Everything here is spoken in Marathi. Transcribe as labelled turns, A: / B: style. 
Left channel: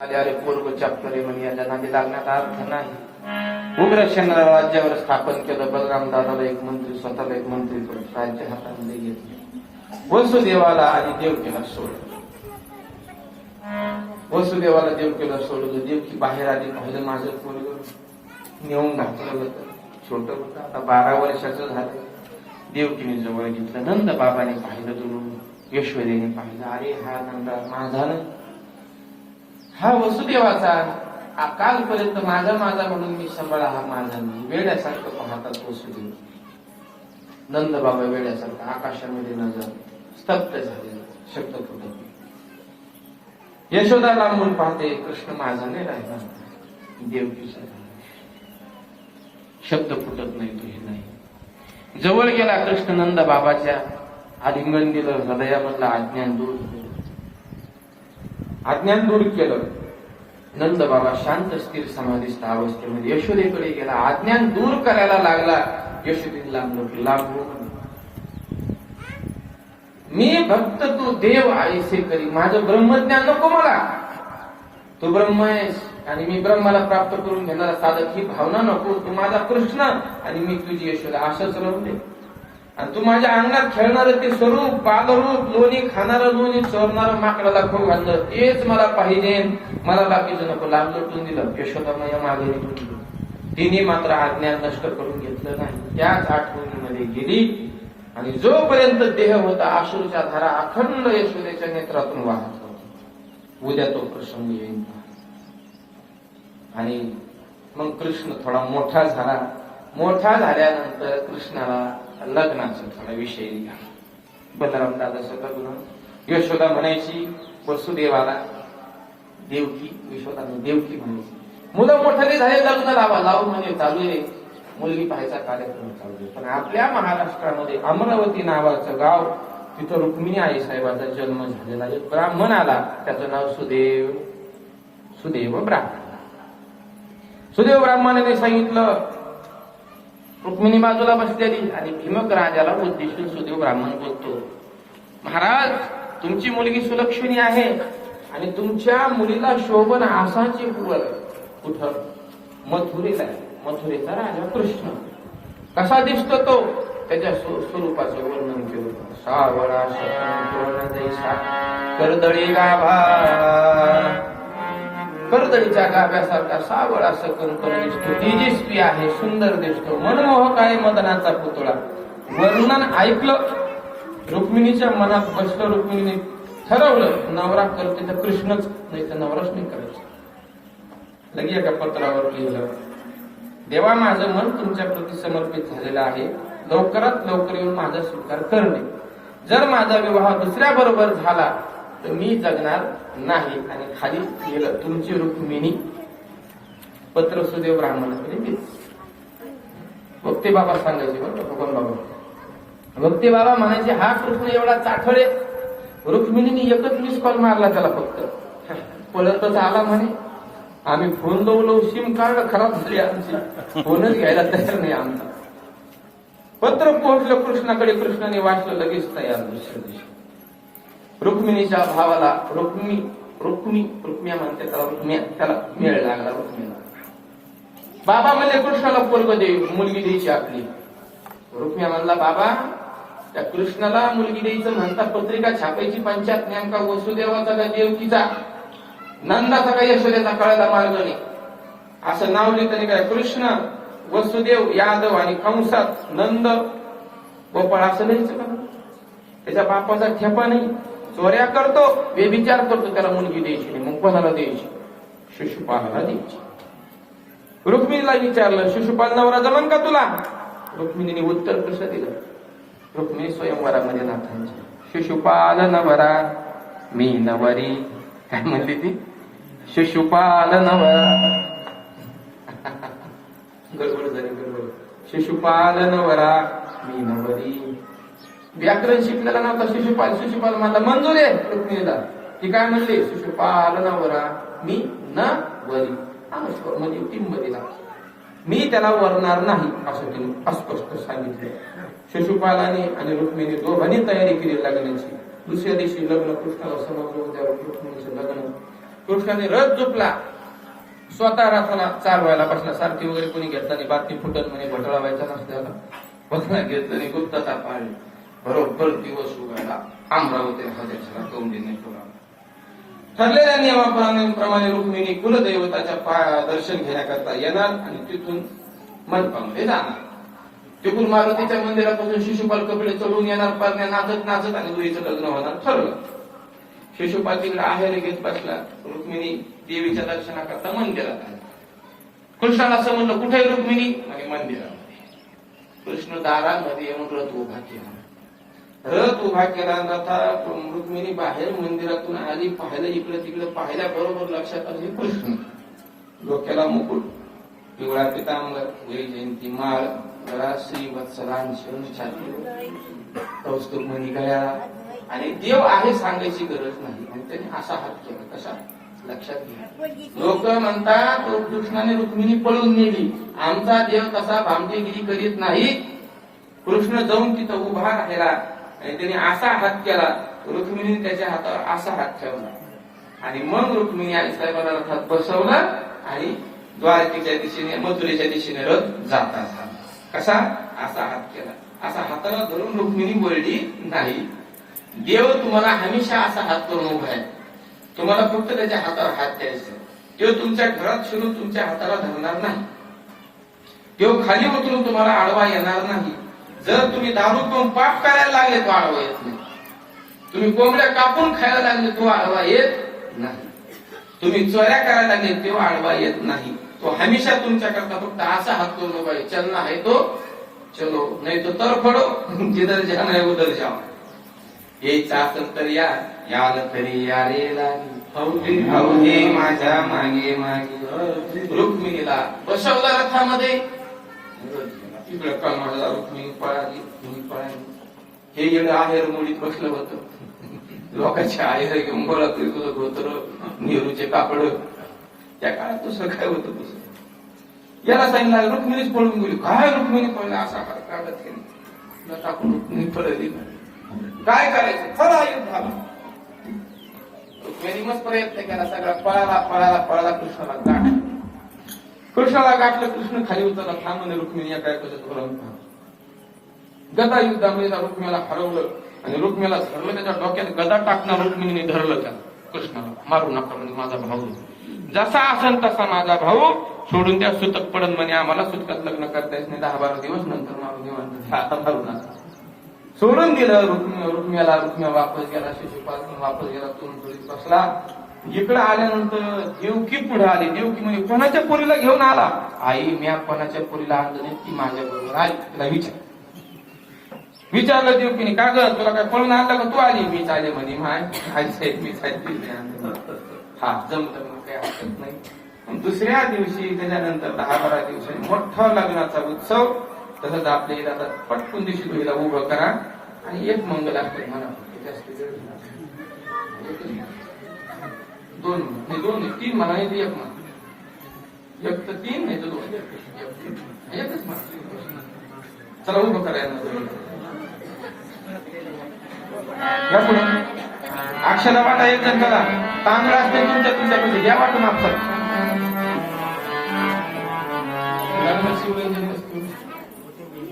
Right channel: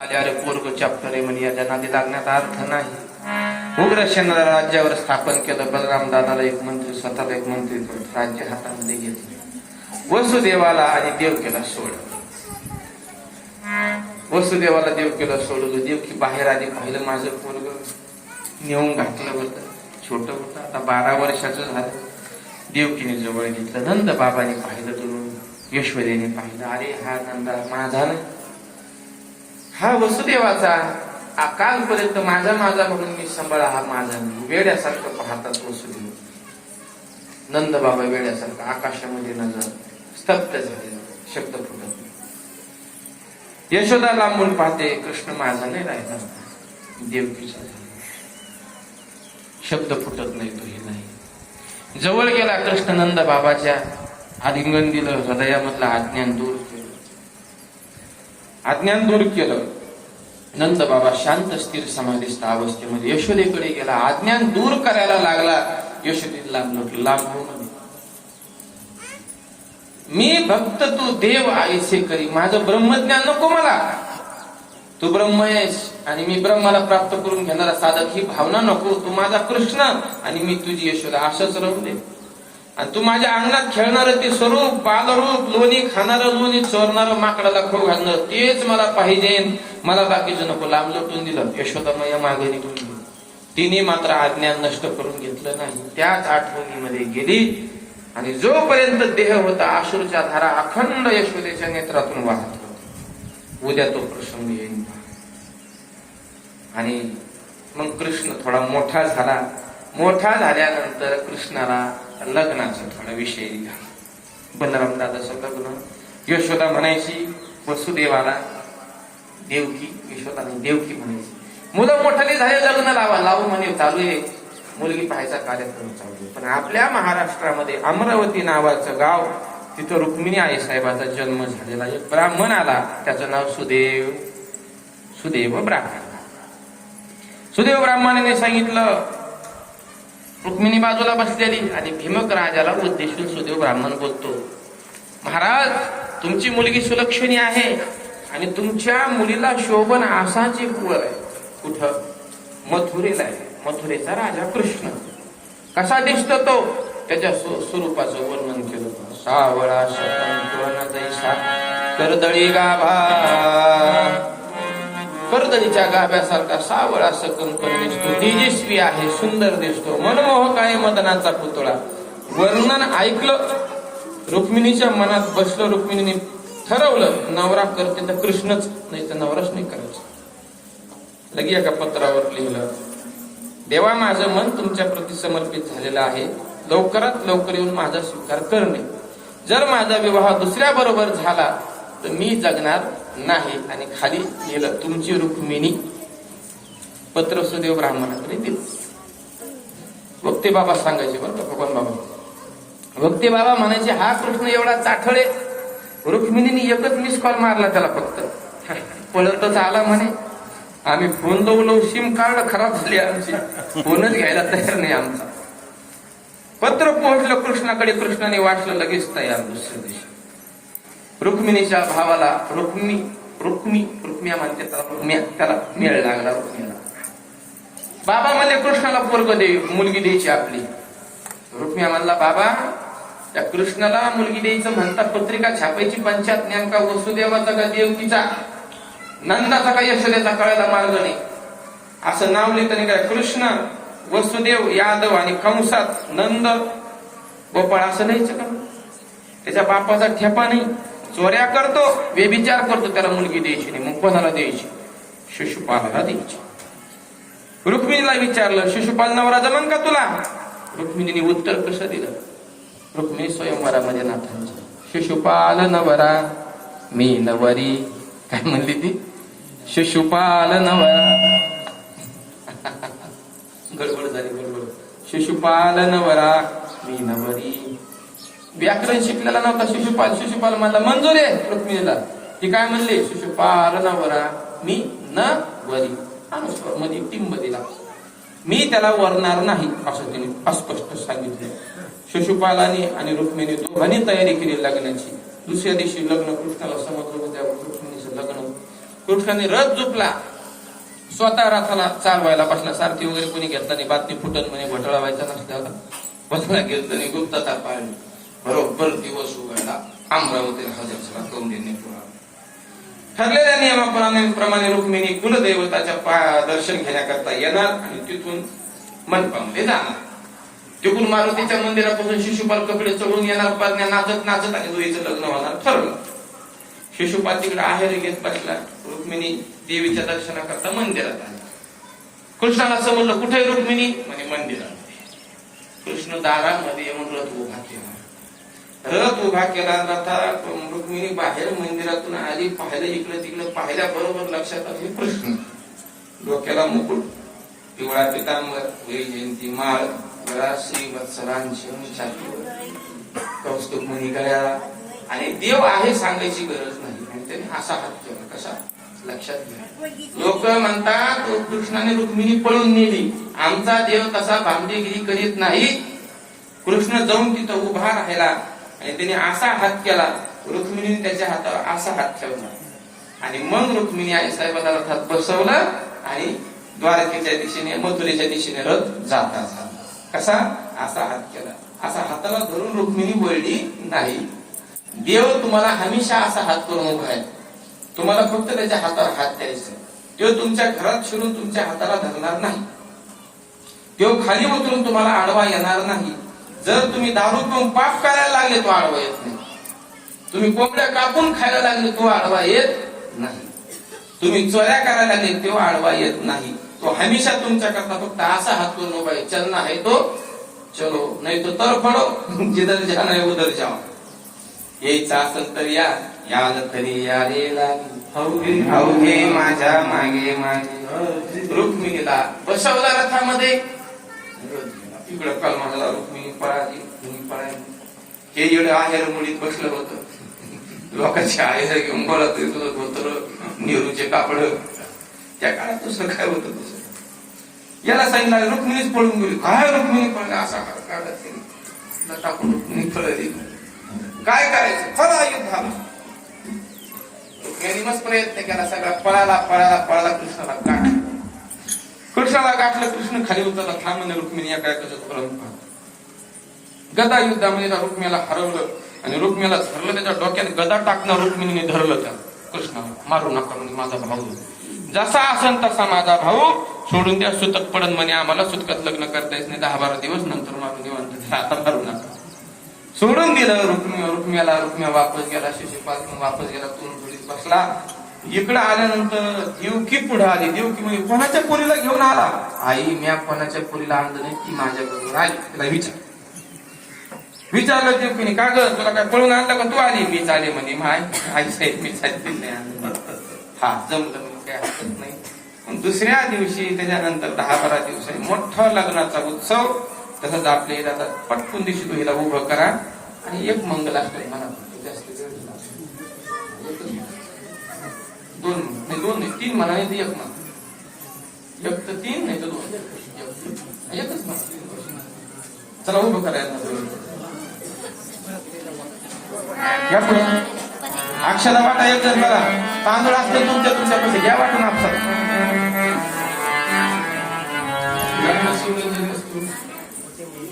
A: आल्यावर पोरग चाप्टरे म्हणे याच्या नादी लागण्याचा अर्थ नाही. उग्र उग्रसेनाला राज्यावर स्थापन केलं बलराम दादाला एक मंत्री स्वतःला एक मंत्री राज्य हातामध्ये घेतले. वसुदेवाला आणि देव केला सोड. वसुदेवाला देव केला सोडलं देव की बाहेर आधी पाहिलं माझं पोरग. नेऊन घातलं होतं. छोट होतं. आता बारा वर्षाचं झालं. देवकीने जवळ घेतलं. नंद बाबाने पाहिलं दुरून यशोदेने पाहिलं. अरे हा नंदा माझा ना. हा वसुदेवाचा अकालपर्यंत माझा माझा म्हणून मी सांभाळा हा माझा. मी वेड्यासारखं पाहतात वसुदेव. नंद बाबा वेड्यासारखं आकाशामध्ये नजर स्तब्ध झाले शब्द फुटत यशोदा लांबून पाहते कृष्ण माझा नाही राहिला देवकीचा झाला शब्द फुटत नाही तो हे नाही. जवळ गेला कृष्ण नंद बाबाच्या आलिंगन दिलं हृदयामधलं अज्ञान दूर केलं. अज्ञान दूर केलं. नंद बाबा शांत स्थिर समाधिस्थ अवस्थेमध्ये यशोदेकडे गेला. अज्ञान दूर करायला लागला. यशोदेला लागलो म्हणे. मी भक्त तू देव आयसे करी. माझं ब्रह्मज्ञान नको मला. तू ब्रह्म आहेस आणि मी ब्रह्माला प्राप्त करून घेणारा साधक ही भावना नको. तू माझा कृष्ण आणि मी तुझी यशोदा. असंच राहू दे. आणि तू माझ्या अंगणात खेळणार ते स्वरूप बालरूप लोणी खाणारं लोणी चोरणार माकडाला खो घालणं तेच मला पाहिजे. मला बाकीचं नको. लांब लटून दिलं. यशोदा मागे निघून गेली. तिने मात्र आज्ञा नष्ट करून घेतलं नाही. त्याच आठवणीमध्ये गेली. आणि जोपर्यंत देह होता आशूरच्या धारा अखंड यशोदेच्या नेत्रातून वाहत होता. उद्या तो प्रसंग येईल आणि मग कृष्ण थोडा मोठा झाला. मोठा झाल्यानंतर कृष्णाला लग्नाचा थोडा विषय दिला बलराम दादाचं लग्न. यशोदा म्हणायची वसुदेवाला देवकी यशोदाने देवकी म्हणायची. मुलं मोठाले झाले लग्न लावा लावून म्हणे चालू आहे. मुलगी पाहायचा कार्यक्रम चालू आहे. पण आपल्या महाराष्ट्रामध्ये अमरावती नावाचं गाव तिथं रुक्मिणी आई साहेबाचा जन्म झालेला एक ब्राह्मण आला त्याचं नाव सुदेव सुदेव ब्राह्मण. सुदेव ब्राह्मणाने सांगितलं रुक्मिणी बाजूला बसलेली आणि भीमक राजाला उद्देशून सुदेव ब्राह्मण बोलतो महाराज तुमची मुलगी सुलक्षणी आहे आणि तुमच्या मुलीला शोभन आसाची कुवर आहे. कुठं? मथुरेला आहे. मथुरेचा राजा कृष्ण. कसा दिसतो तो? त्याच्या स्वरूपाचं वर्णन केलं. सावळा शतन जैसा करदळी गाभा कर्दळीच्या गाभ्यासारखा सावळ असं कंकण दिसतो. तेजस्वी आहे सुंदर दिसतो. मनमोहक आहे मदनाचा पुतळा. वर्णन ऐकलं रुक्मिणीच्या मनात बसलं रुक्मिणीने ठरवलं नवरा करते तर कृष्णच नाही तर नवराच नाही करायचं. लगे एका पत्रावर लिहिलं देवा माझं मन तुमच्या प्रती समर्पित झालेलं आहे. लवकरात लवकर येऊन माझा स्वीकार करणे. जर माझा विवाह दुसऱ्या बरोबर झाला तर मी जगणार नाही आणि खाली गेलं तुमची रुक्मिणी पत्र सुदेव ब्राह्मणाकडे दिलं भक्ती बाबा सांगायचे बरं भगवान बाबा. भक्ती बाबा म्हणायचे हा कृष्ण एवढा चाठळे. रुक्मिणीने एकच मिस कॉल मारला त्याला फक्त. पळतच आला म्हणे. आम्ही फोन लावलो सिम कार्ड खराब झाली आमची. फोनच घ्यायला तयार नाही आमचा. पत्र पोहोचलं कृष्णाकडे कृष्णाने वाचलं लगेच तयार दुसऱ्या दिवशी. रुक्मिणीच्या भावाला रुक्मी रुक्मी रुक्मिया म्हणते त्याला त्याला मेळ लागला रुक्मिणीला बाबा म्हणले कृष्णाला पोरग दे मुलगी द्यायची आपली. रुक्मिया म्हणला बाबा त्या कृष्णाला मुलगी द्यायचं म्हणता पत्रिका छापायची पंचायत नेमका वसुदेवाचा का देवकीचा? नंदाचा का यशोदेचा कळायला मार्ग नाही? असं नाव लिहितं काय कृष्ण वसुदेव यादव आणि कंसात नंद गोपाळ असं लिहायचं का? त्याच्या बापाचा ठेपा नाही. चोऱ्या करतो व्यभिचार करतो त्याला मुलगी द्यायची नाही मग कोणाला द्यायची? शिशुपालाला द्यायची. रुक्मिणीला विचारलं शिशुपाल नवरा जमन का तुला? रुक्मिणीने उत्तर कसं दिलं? रुक्मिणी स्वयंवरामध्ये नाथांची. शिशुपाल नवरा मी नवरी. काय म्हणली ती? शिशुपाल नवरा. गडबड झाली गडबड. शिशुपाल नवरा मी नवरी. व्याकरण शिकलेला नव्हता शिशुपाल. शिशुपाल माझा मंजूर आहे. रुक्मिणीला ती काय म्हणली? शिशुपाल नवरा मी न वरी. अनुस्वर मध्ये टिंब दिला मी त्याला वरणार नाही असं तिने अस्पष्ट सांगितलं. शिशुपालाने आणि रुक्मिणी दोघांनी तयारी केली लग्नाची. दुसऱ्या दिवशी लग्न कृष्णाला समजलं होत्या रुक्मिणीचं लग्न. कृष्णाने रथ झुकला. स्वतः रथाला चालवायला बसला. सारथी वगैरे कोणी घेतला नाही बातमी फुटत म्हणे घोटाळा व्हायचा नसल्याला बसला घेतला नाही गुप्तता पाळली. बरोबर दिवस उगायला अमरावती हजर झाला कौंडिन्य पुरा ठरलेल्या नियमाप्रमाणे प्रमाणे रुक्मिणी कुलदैवताच्या दर्शन घेण्याकरता येणार आणि तिथून मनपामध्ये जाणार. तिकून मारुतीच्या मंदिरापासून शिशुपाल कपडे चढून येणार पारण्या नाचत नाचत आणि दुईचं लग्न होणार ठरलं. शिशुपाल तिकडे आहेर घेत बसला. रुक्मिणी देवीच्या दर्शनाकरता मंदिरात आली. कृष्णाला असं म्हणलं कुठे रुक्मिणी? म्हणजे मंदिरामध्ये. कृष्ण दारामध्ये येऊन रथ उभा केला. रथ उभा केला रथा रुक्मिणी बाहेर मंदिरातून आली पाहिलं इकडे तिकडे पाहिल्या बरोबर लक्षात आले हे कृष्ण डोक्याला मुकुट पिवळा पितांबर जयंती माळ श्री वत्सलांश कौस्तुभ मणी गळ्या आणि देव आहे सांगायची गरज नाही आणि त्याने असा हात केला. कसा? लक्षात घ्या. लोक म्हणतात कृष्णाने रुक्मिणी पळून नेली. आमचा देव तसा भामदेगिरी करीत नाही. कृष्ण जाऊन तिथं उभा राहिला. आणि त्याने असा हात केला रुक्मिणीने त्याच्या हातावर असा हात ठेवला. आणि मग रुक्मिणी आई साहेबाला रथात बसवलं आणि द्वारकेच्या दिशेने मथुरेच्या दिशेने रथ जाता झाला कसा? असा हात केला. असा हाताला धरून रुक्मिणी बोलली नाही देव तुम्हाला हमेशा असा हात करून उभा आहे. तुम्हाला फक्त त्याच्या हातावर हात द्यायचा देव तुमच्या घरात शिरून तुमच्या हाताला धरणार नाही. देव खाली उतरून तुम्हाला आडवा येणार नाही. जर तुम्ही दारू पिऊन पाप करायला लागले तो आडवा येत नाही. तुम्ही कोंबड्या कापून खायला लागले तो आडवा येत नाही. तुम्ही चोऱ्या करायला लागले तो आडवा येत नाही. तो हमेशा तुमच्याकरता फक्त असा हात करून उभा आहे चलना तो चलो. नाही तो तर पडो जिधर जा नाही उधर जाओ. यायचा असेल तर या याल तरी या रे लागे माझ्या मागे मागे. रुक्मिणीला बसवला रथामध्ये. इकडं कलमाला रुक्मिणी पळाली तुम्ही पळाली. हे इकडे आहेर मुळीत बसलं होतं. लोकांचे आहेर घेऊन बोलत धोतर नेहरूचे कापड. त्या काळात दुसरं काय होतं दुसरं याला सांगितलं रुक्मिणीच पळून गेली. काय रुक्मिणी पळले? असा हार काढत टाकून रुक्मिणी पळली? काय करायचं? चला युद्धाला रुक्मिणी मस्त प्रयत्न केला सगळा. पळाला पळाला पळाला कृष्णाला काढ कृष्णाला गाठलं कृष्ण खाली उतरला थांब थांबणे रुक्मिणी या काय कसं फलन गदा युद्धामध्ये त्या रुक्मियाला हरवलं आणि रुक्मियाला धरलं त्याच्या डोक्यात गदा टाकणार रुक्मिणीने धरलं त्या कृष्ण मारू नका माझा भाऊ. जसा असेल तसा माझा भाऊ. सोडून द्या सुतक पडन म्हणे आम्हाला. सुतकात लग्न करता येत नाही. दहा बारा दिवस नंतर मारून निवांत आता मारू नका. सोडून दिलं रुक्मी रुक्म्याला. रुक्म्या वापस गेला शिशुपाल वापस गेला तोंड बसला. इकडे आल्यानंतर देवकी पुढे आली. देवकी म्हणजे कोणाच्या पोरीला घेऊन आला? आई म्या कोणाच्या पोरीला आणलं नाही ती माझ्या बरोबर आली. तिला विचार. विचारलं देवकीने का ग? तुला काय पळून आणलं का? तू आली. मी चाले म्हणे माय आई साहेब मी चालते हा जमलं मग काय हरकत नाही. पण दुसऱ्या दिवशी त्याच्यानंतर दहा बारा दिवसांनी मोठा लग्नाचा उत्सव. तसंच आपल्या इथं पटकून दिवशी तुम्हीला उभं करा. आणि एक मंगल असतो म्हणा जास्त वेळ दोन नाही दोन नाही तीन म्हणा नाही एक म्हणा एक तर तीन नाही तर दोन. एकच म्हणा चला उभं करायला या पुढं. अक्षरा वाटा एक जण बघा. तांदूळ असते तुमच्या तुमच्या पैसे घ्या वाटून आपसात.